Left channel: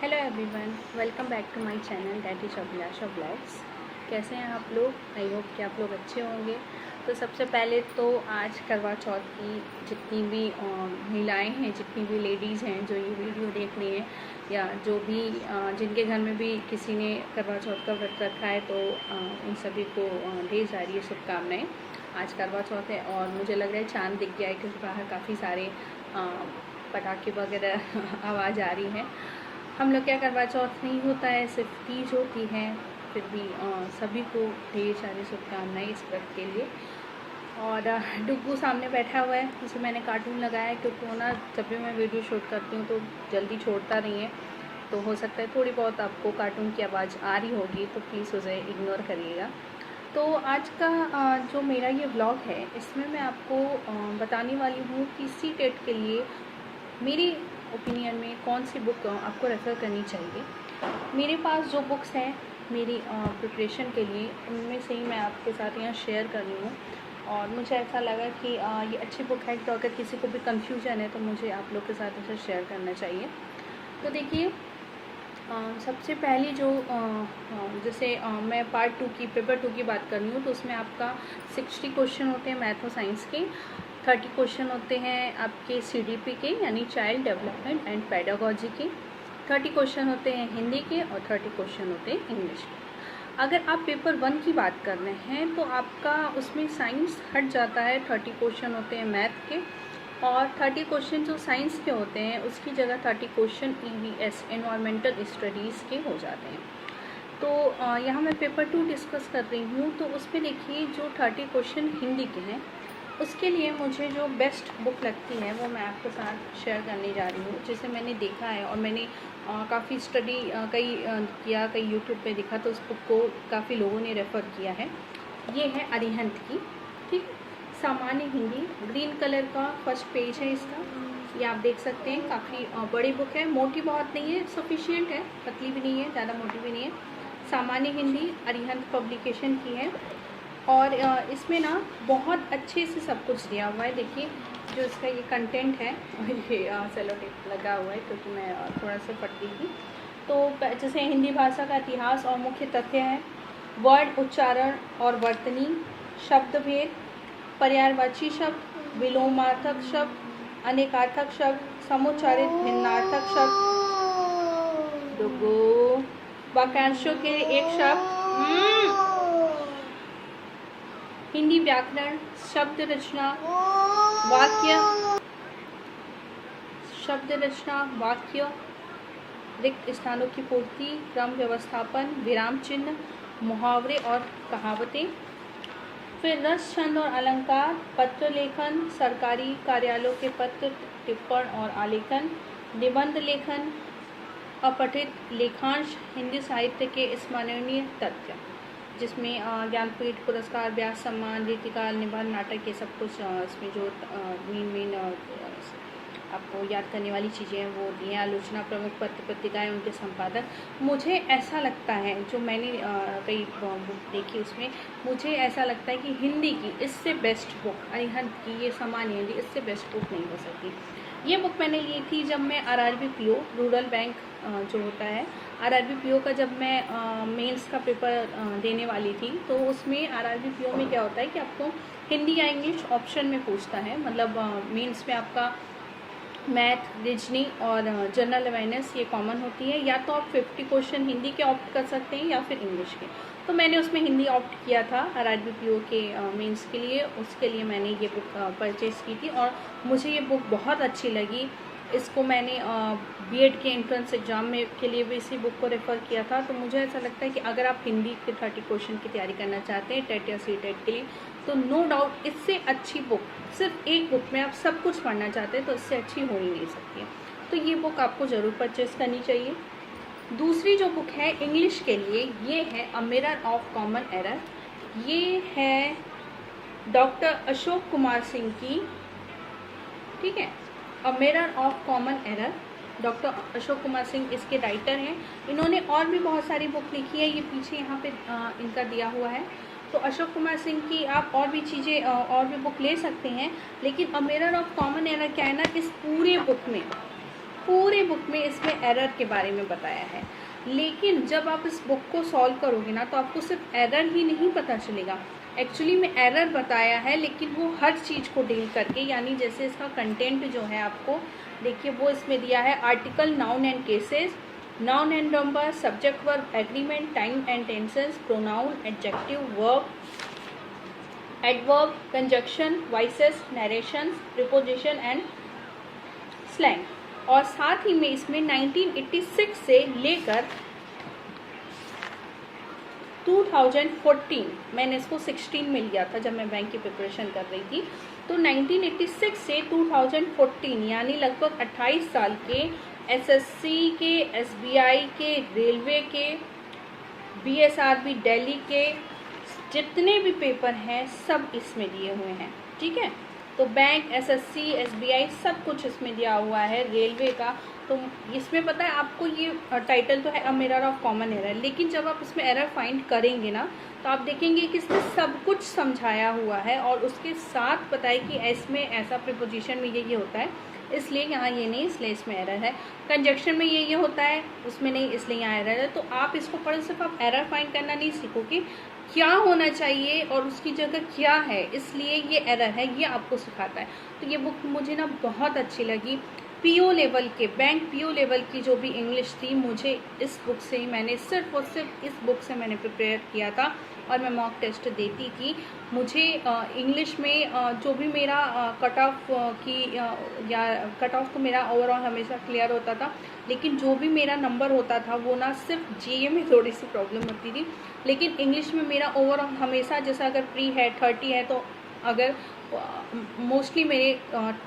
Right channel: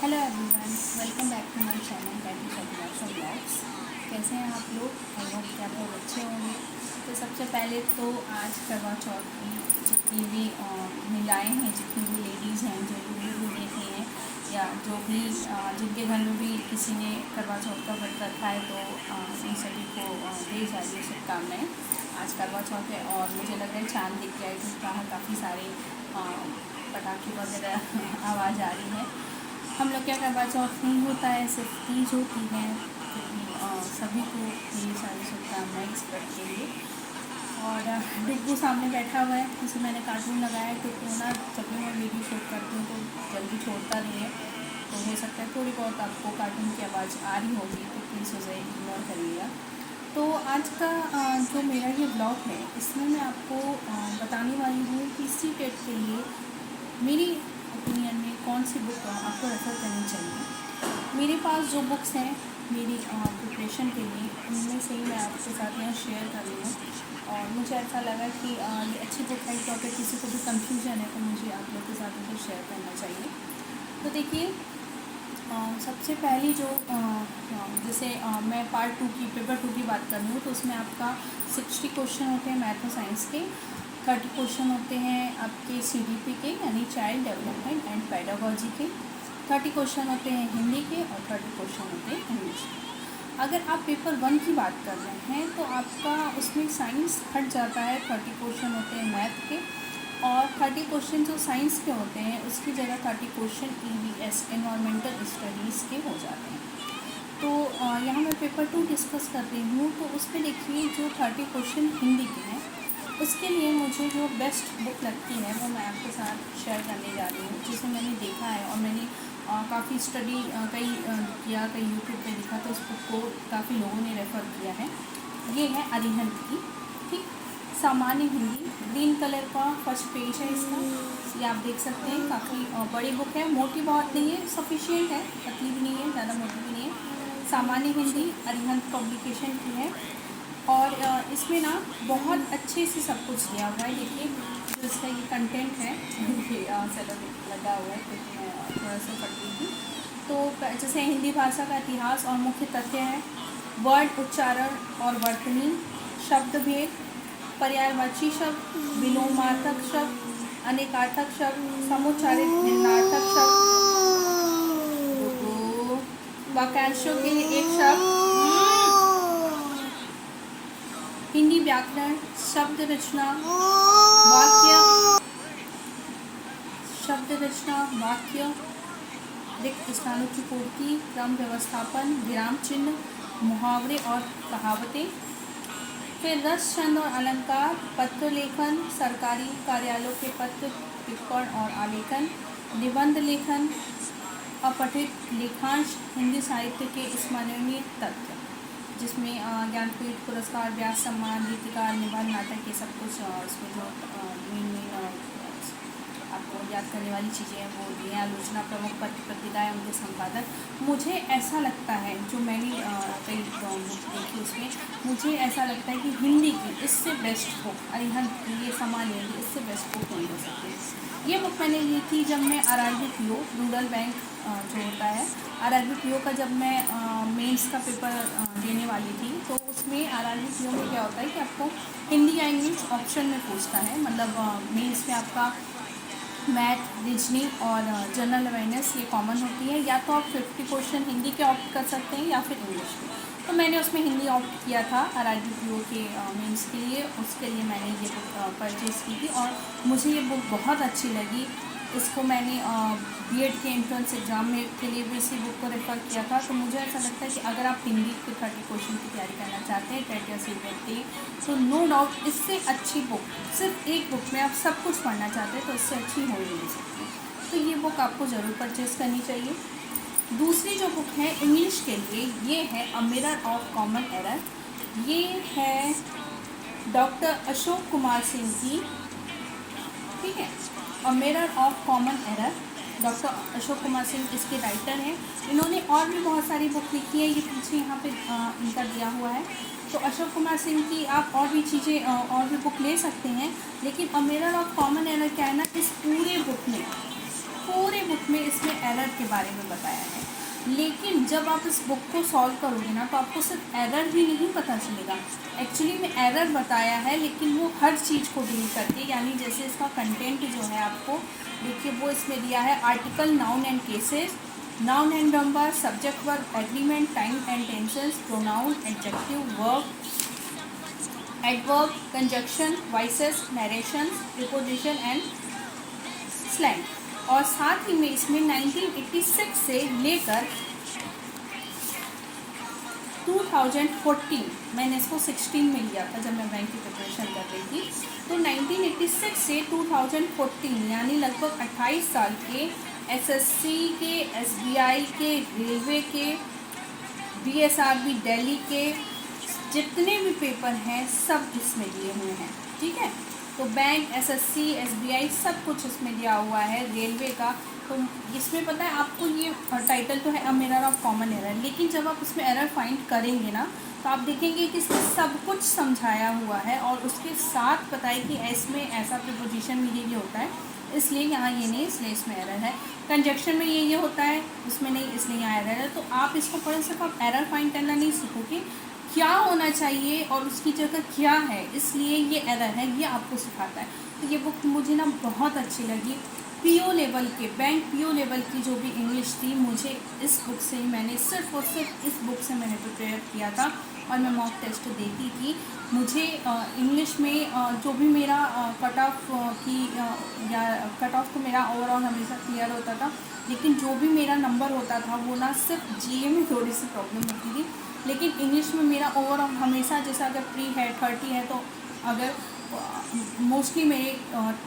Hello everyone, welcome back to my channel that is Abhilasha blogs. कैसे हैं आप लोग? आई होप कि आप लोग अच्छे होंगे। तो सबसे पहले तो आज करवा चौथ की जितनी भी महिलाएं हैं, जितनी भी लेडीज़ हैं जो ये वीडियो देख रही हैं, या जो भी जिनके घर में भी किसी ने करवा चौथ का व्रत रखा है, तो उन सभी को ढेर सारी शुभकामनाएँ। आज करवा चौथ है और मुझे लग रहा है चाँद दिख गया है क्योंकि बाहर काफ़ी सारे पटाखे वगैरह आवाज़ आ रही है। हम लोग क्या करवा चौथ नहीं होता है, सिर्फ तीज होती है। फिर भी सभी को ढेर सारी शुभकामनाएँ इस व्रत के लिए। और डुग्गू सामने बैठा हुआ है, जिसे मैंने कार्टून लगाया है क्योंकि वो ना जब भी मैं वीडियो शूट करती हूँ तो जल्दी छोड़ता नहीं है। तो हो सकता है थोड़ी बहुत आपको कार्टून की आवाज़ आ रही होगी, तो प्लीज़ उसे इग्नोर करिएगा। तो आज का जो मेरा ये व्लॉग है, इसमें मैं आपको बताने वाली हूँ कि सी टेट के लिए मेरी ओपिनियन में कौन सी बुक आपको रेफ़र करनी चाहिए। मेरे पास जो बुक्स हैं मेरी प्रिपरेशन के लिए, उनमें से ही मैं आपके साथ यहाँ शेयर कर रही हूँ। और मुझे ऐसा लगा कि ये अच्छी बुक है, तो अगर किसी को भी कंफ्यूजन है तो मुझे आप लोग के साथ इसे शेयर करना चाहिए। तो देखिए, सबसे पहली जो जैसे मैं पार्ट 2 की पेपर 2 की बात कर रही हूँ, तो उसमें आपका 60 क्वेश्चन होते हैं मैथ और साइंस के। 30 क्वेश्चन होते हैं आपके CDP के, यानी चाइल्ड डेवलपमेंट एंड पेडागोजी के। 30 क्वेश्चन होते हैं हिंदी के और 30 क्वेश्चन होते हैं इंग्लिश के। अगर आप पेपर 1 की बात कर रहे हैं तो आपका उसमें साइंस हट जाता है, 30 क्वेश्चन होते हैं मैथ के। और 30 क्वेश्चन जो साइंस के होते हैं उसकी जगह 30 क्वेश्चन EVS एनवायरमेंटल स्टडीज़ के हो जाते हैं। तो यहाँ मैं पेपर 2 डिस्कस कर रही हूँ, तो उसमें देखिए जो 30 क्वेश्चन हिंदी के हैं, उसके लिए मुझे जो बेस्ट बुक लगती है वो मैं आपके साथ शेयर करने जा रही हूँ, जिसे मैंने देखा है और मैंने काफ़ी स्टडी किया, कई यूट्यूब पे देखा, तो उस बुक को काफ़ी लोगों ने रेफ़र किया है। ये है अरिहंत की, ठीक, सामान्य हिंदी। ग्रीन कलर का फर्स्ट पेज है इसका, ये आप देख सकते हैं। काफ़ी बड़ी बुक है, मोटी बहुत नहीं है, सफिशिएंट है, पतली भी नहीं है, ज़्यादा मोटी भी नहीं है। सामान्य हिंदी अरिहंत पब्लिकेशन की है। और इसमें ना बहुत अच्छे से सब कुछ दिया हुआ है। देखिए जो इसका ये कंटेंट है ये सेलो टेप लगा हुआ है क्योंकि मैं थोड़ा सा पढ़ रही थी। तो जैसे हिंदी भाषा का इतिहास और मुख्य तथ्य है, वर्ड उच्चारण और वर्तनी, शब्द भेद, पर्यायवाची शब्द, विलोमार्थक शब्द, अनेकार्थक शब्द, समुच्चारित भिन्नार्थक शब्द, वाक्यांशों के एक शब्द, हिंदी व्याकरण, शब्द रचना, वाक्य, शब्द रचना, वाक्य, रिक्त स्थानों की पूर्ति, क्रम व्यवस्थापन, विराम चिन्ह, मुहावरे और कहावतें। फिर रस, छंद और अलंकार, पत्र लेखन, सरकारी कार्यालयों के पत्र, टिप्पण और आलेखन, निबंध लेखन, अपठित लेखांश, हिंदी साहित्य के स्मरणीय तथ्य, जिसमें ज्ञानपीठ पुरस्कार, व्यास सम्मान, रीतिकार, निबंध, नाटक, ये सब कुछ इसमें जो मेन आपको याद करने वाली चीज़ें हैं वो दी हैं। आलोचना, प्रमुख पत्र पत्रिकाएँ, उनके संपादक। मुझे ऐसा लगता है, जो मैंने कई बुक देखी, उसमें मुझे ऐसा लगता है कि हिंदी की इससे बेस्ट बुक अरिहंत की ये सामान्य हिंदी, इससे बेस्ट बुक नहीं हो सकती। ये बुक मैंने ली थी जब मैं RRB PO रूरल बैंक जो होता है, RRB PO का जब मैं मेंस का पेपर देने वाली थी, तो उसमें RRB PO में क्या होता है कि आपको हिंदी या इंग्लिश ऑप्शन में पूछता है। मतलब मेंस में आपका मैथ, रीजनिंग और जनरल अवेयरनेस ये कॉमन होती है। या तो आप 50 क्वेश्चन हिंदी के ऑप्ट कर सकते हैं या फिर इंग्लिश के। तो मैंने उसमें हिंदी ऑप्ट किया था RRB PO के मेंस के लिए। उसके लिए मैंने ये बुक परचेज़ की थी और मुझे ये बुक बहुत अच्छी लगी। इसको मैंने B.Ed के एंट्रेंस एग्ज़ाम में के लिए भी इसी बुक को रेफ़र किया था। तो मुझे ऐसा लगता है कि अगर आप हिंदी के 30 क्वेश्चन की तैयारी करना चाहते हैं टेट या CTET के लिए, तो नो डाउट इससे अच्छी बुक, सिर्फ एक बुक में आप सब कुछ पढ़ना चाहते हैं तो इससे अच्छी हो ही नहीं सकती। तो ये बुक आपको ज़रूर परचेज़ करनी चाहिए। दूसरी जो बुक है इंग्लिश के लिए, ये है a mirror of common error. ये है डॉक्टर अशोक कुमार सिंह की, ठीक है, a mirror of common error. Doctor Ashok Kumar Singh इसके राइटर हैं। इन्होंने और भी बहुत सारी बुक लिखी है, ये पीछे यहाँ पे इनका दिया हुआ है। तो अशोक कुमार सिंह की आप और भी चीज़ें और भी बुक ले सकते हैं, लेकिन a mirror of common error क्या है ना, इस पूरे बुक में पूरे बुक में इसमें एरर के बारे में बताया है। लेकिन जब आप इस बुक को सॉल्व करोगे ना तो आपको सिर्फ एरर ही नहीं पता चलेगा, एक्चुअली में एरर बताया है लेकिन वो हर चीज़ को डील करके, यानी जैसे इसका कंटेंट जो है आपको देखिए वो इसमें दिया है article, noun and cases, noun and number, subject verb, agreement, time and tenses, pronoun, adjective, verb, adverb, conjunction, voices, narration, preposition and slang. और साथ ही में इसमें 1986 से लेकर 2014, मैंने इसको 16 में लिया था जब मैं बैंक की प्रिपरेशन कर रही थी, तो 1986 से 2014 यानी लगभग 28 साल के एसएससी के, एसबीआई के, रेलवे के, बीएसआरबी दिल्ली के जितने भी पेपर हैं सब इसमें दिए हुए हैं। ठीक है, तो बैंक, एसएससी, एसबीआई सब कुछ इसमें दिया हुआ है, रेलवे का। तो इसमें पता है आपको ये टाइटल तो है a mirror of common error, लेकिन जब आप इसमें एरर फाइंड करेंगे ना तो आप देखेंगे कि इसमें सब कुछ समझाया हुआ है और उसके साथ पता है कि इसमें ऐसा प्रीपोजिशन में ये होता है इसलिए यहाँ ये नहीं, इसलिए इसमें एरर है। कंजक्शन में ये होता है उसमें नहीं, इसलिए यहाँ एरर है। तो आप इसको पढ़े सिर्फ आप एरर फाइंड करना नहीं सीखोगे, क्या होना चाहिए और उसकी जगह क्या है, इसलिए ये एरर है, ये आपको सिखाता है। तो ये बुक मुझे ना बहुत अच्छी लगी। पीओ लेवल के, बैंक पीओ लेवल की जो भी इंग्लिश थी, मुझे इस बुक से ही, मैंने सिर्फ और सिर्फ इस बुक से मैंने प्रिपेयर किया था और मैं मॉक टेस्ट देती थी। मुझे इंग्लिश में जो भी मेरा कट ऑफ की या कट ऑफ तो मेरा ओवरऑल हमेशा क्लियर होता था, लेकिन जो भी मेरा नंबर होता था वो ना सिर्फ जीए में थोड़ी सी प्रॉब्लम होती थी, लेकिन इंग्लिश में मेरा ओवरऑल हमेशा, जैसा अगर प्री है 30 है तो अगर मोस्टली मेरे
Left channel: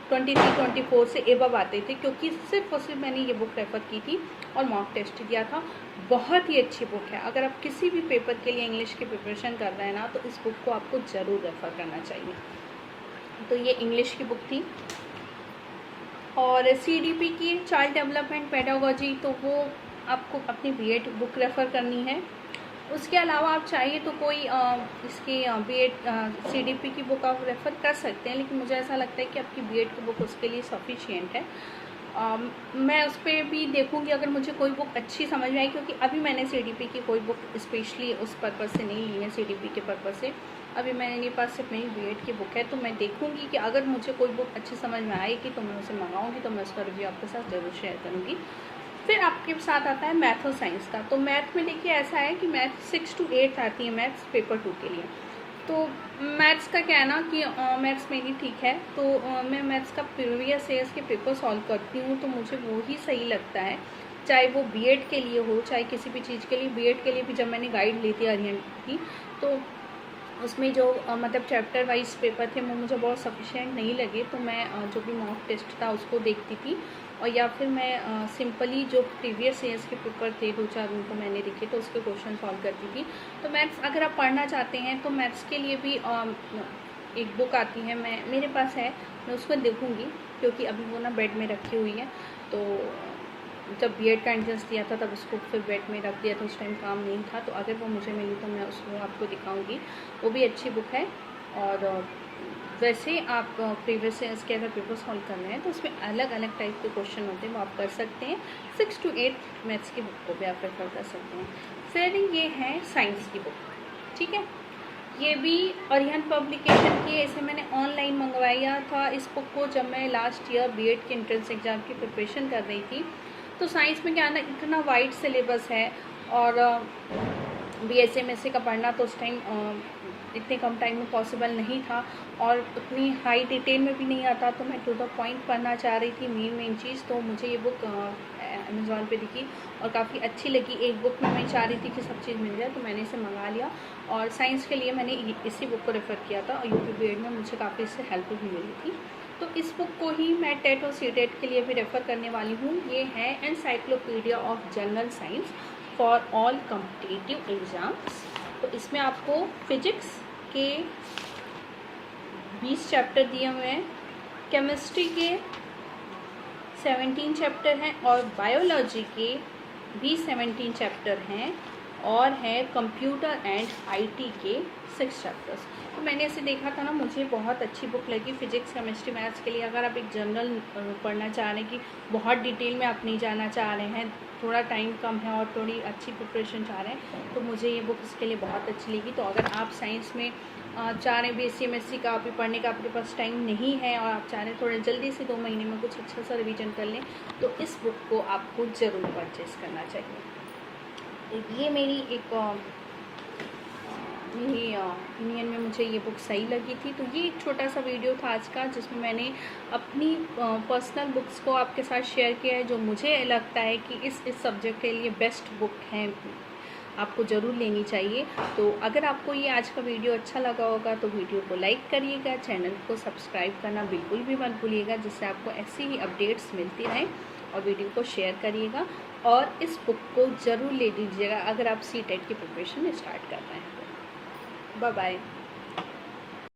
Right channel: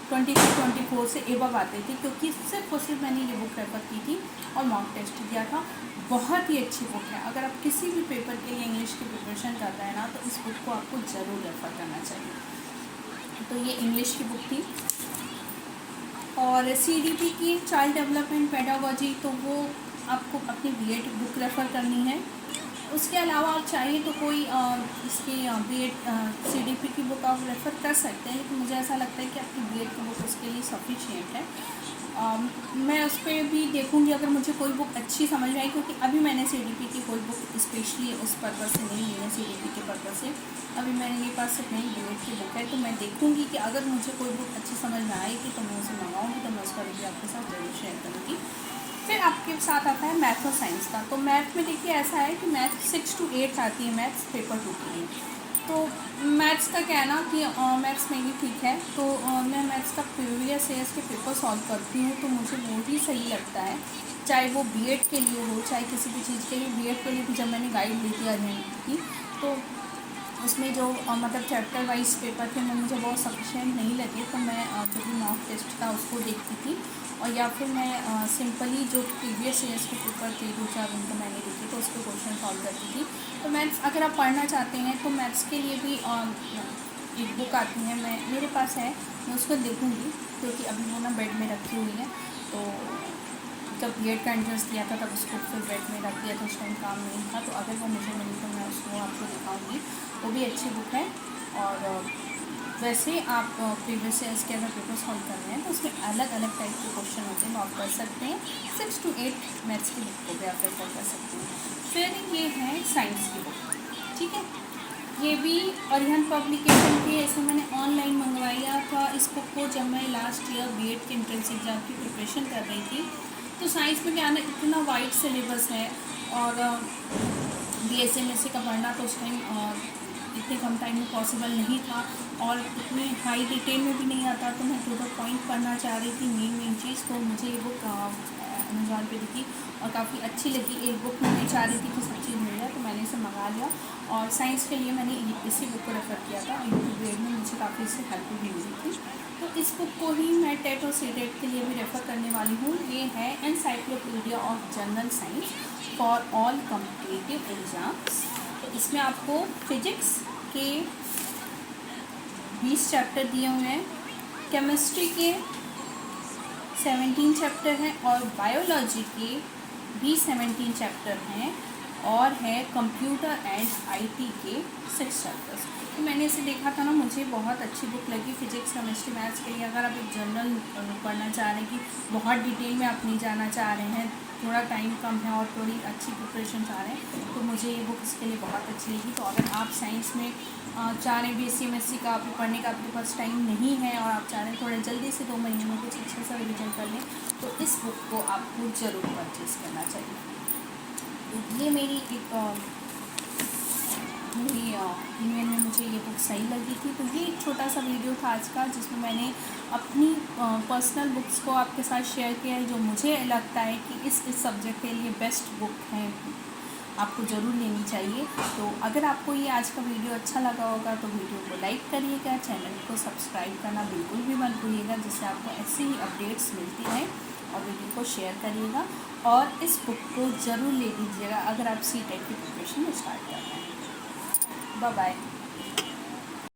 23-24 से एबव आते थे, क्योंकि सिर्फ और सिर्फ मैंने ये बुक रेफ़र की थी और मॉक टेस्ट किया था। बहुत ही अच्छी बुक है, अगर आप किसी भी पेपर के लिए इंग्लिश की प्रिपरेशन कर रहे हैं ना तो इस बुक को आपको ज़रूर रेफ़र करना चाहिए। तो ये इंग्लिश की बुक थी। और सीडीपी की चाइल्ड डेवलपमेंट पेडागोजी, तो वो आपको अपनी बीएड बुक रेफ़र करनी है। उसके अलावा आप चाहिए तो कोई इसके बीएड सीडीपी की बुक आप रेफ़र कर सकते हैं, लेकिन मुझे ऐसा लगता है कि आपकी बीएड की बुक उसके लिए सफिशिएंट है। मैं उस पर भी देखूंगी अगर मुझे कोई बुक अच्छी समझ में आई, क्योंकि अभी मैंने सीडीपी की कोई बुक स्पेशली उस पर्पज़ से नहीं ली है, सीडीपी के पर्पज़ से। अभी मेरे पास सिर्फ मेरी बीएड की बुक है, तो मैं देखूंगी कि अगर मुझे कोई बुक अच्छी समझ में आएगी तो मैं उसे मंगाऊंगी, तो मैं उसका रिव्यू आपके साथ ज़रूर शेयर करूँगी। फिर आपके साथ आता है मैथ और साइंस का। तो मैथ में देखिए ऐसा है कि मैथ 6 to 8 आती है मैथ्स पेपर 2 के लिए। तो मैथ्स का क्या है ना कि मैथ्स मेरी ठीक है, तो मैं मैथ्स का प्रीवियस ईयर्स के पेपर सॉल्व करती हूँ, तो मुझे वो ही सही लगता है, चाहे वो बीएड के लिए हो चाहे किसी भी चीज़ के लिए। बीएड के लिए भी जब मैंने गाइड ली थी अरिहंत की, तो उसमें जो मतलब चैप्टर वाइज पेपर थे वो मुझे बहुत सफिशिएंट नहीं लगे, तो मैं जो भी मॉक टेस्ट था उसको देखती थी, और या फिर मैं सिंपली जो प्रीवियस ईयर्स के पेपर थे 2-4 उनको मैंने देखे तो उस पर क्वेश्चन सॉल्व करती थी। तो मैथ्स अगर आप पढ़ना चाहते हैं तो मैथ्स के लिए भी एक बुक आती है, मेरे पास है, मैं उसको देखूँगी, क्योंकि अभी वो ना बेड में रखी हुई है। तो जब बीएड का एंट्रेंस दिया था तब उसको फिर बेड में रख दिया था, उस टाइम काम नहीं था, तो अगर वो मुझे मिली तो मैं उसको आपको दिखाऊंगी। वो भी अच्छी बुक है। और वैसे आप प्रीवियस ईयर्स के अगर पेपर सॉल्व कर रहे हैं तो उसमें अलग अलग टाइप के क्वेश्चन होते हैं, वो आप कर सकते हैं। 6 to 8 मैथ्स की बुक को भी आप रेफर कर सकते हैं। फिर ये है साइंस की बुक, ठीक है, ये भी अरिहंत पब्लिकेशन की है। इसे मैंने ऑनलाइन मंगवाया था इस बुक को जब मैं लास्ट ईयर बीएड के एंट्रेंस एग्ज़ाम की प्रिपरेशन कर रही थी। तो साइंस में क्या ना, इतना वाइड सिलेबस है, और बीएसएमएससी का पढ़ना तो उस टाइम इतने कम टाइम में पॉसिबल नहीं था, और उतनी हाई डिटेल में भी नहीं आता, तो मैं टू द पॉइंट पढ़ना चाह रही थी, मेन चीज़। तो मुझे ये बुक अमेज़ॉन पे दिखी और काफ़ी अच्छी लगी। एक बुक में मैं चाह रही थी कि सब चीज़ मिल जाए, तो मैंने इसे मंगा लिया, और साइंस के लिए मैंने इसी बुक को रेफ़र किया था, और यूपी बीएड में मुझे काफ़ी इससे हेल्प भी मिली थी। तो इस बुक को ही मैं टेट और सीटेट के लिए भी रेफ़र करने वाली हूँ। ये है encyclopedia of general science for all competitive exams. तो इसमें आपको फिजिक्स के 20 चैप्टर दिए हुए हैं, केमिस्ट्री के 17 चैप्टर हैं, और बायोलॉजी के भी 17 चैप्टर हैं, और है कंप्यूटर एंड आईटी के 6 चैप्टर्स। तो मैंने इसे देखा था ना, मुझे बहुत अच्छी बुक लगी फिजिक्स केमिस्ट्री मैथ्स के लिए। अगर आप एक जनरल पढ़ना चाह रहे हैं कि बहुत डिटेल में आप नहीं जाना चाह रहे हैं, थोड़ा टाइम कम है और थोड़ी अच्छी प्रिपरेशन चाह रहे हैं, तो मुझे ये बुक इसके लिए बहुत अच्छी लगी। तो अगर आप साइंस में चाह रहे हैं BSc MSc का आप पढ़ने का, आपके पास टाइम नहीं है और आप चाह रहे हैं थोड़ा जल्दी से 2 महीने में कुछ अच्छा सा रिवीजन कर लें, तो इस बुक को आपको ज़रूर परचेज़ करना चाहिए। ये मेरी एक मेरी ओपिनियन में मुझे ये बुक सही लगी थी। तो ये एक छोटा सा वीडियो था आज का, जिसमें मैंने अपनी पर्सनल बुक्स को आपके साथ शेयर किया है, जो मुझे लगता है कि इस सब्जेक्ट के लिए बेस्ट बुक हैं, आपको ज़रूर लेनी चाहिए। तो अगर आपको ये आज का वीडियो अच्छा लगा होगा तो वीडियो को लाइक करिएगा, चैनल को सब्सक्राइब करना बिल्कुल भी मत भूलिएगा, जिससे आपको ऐसी ही अपडेट्स मिलती रहें, और वीडियो को शेयर करिएगा और इस बुक को ज़रूर ले लीजिएगा अगर आप CTET की प्रिपरेशन स्टार्ट कर रहे हैं। Bye bye.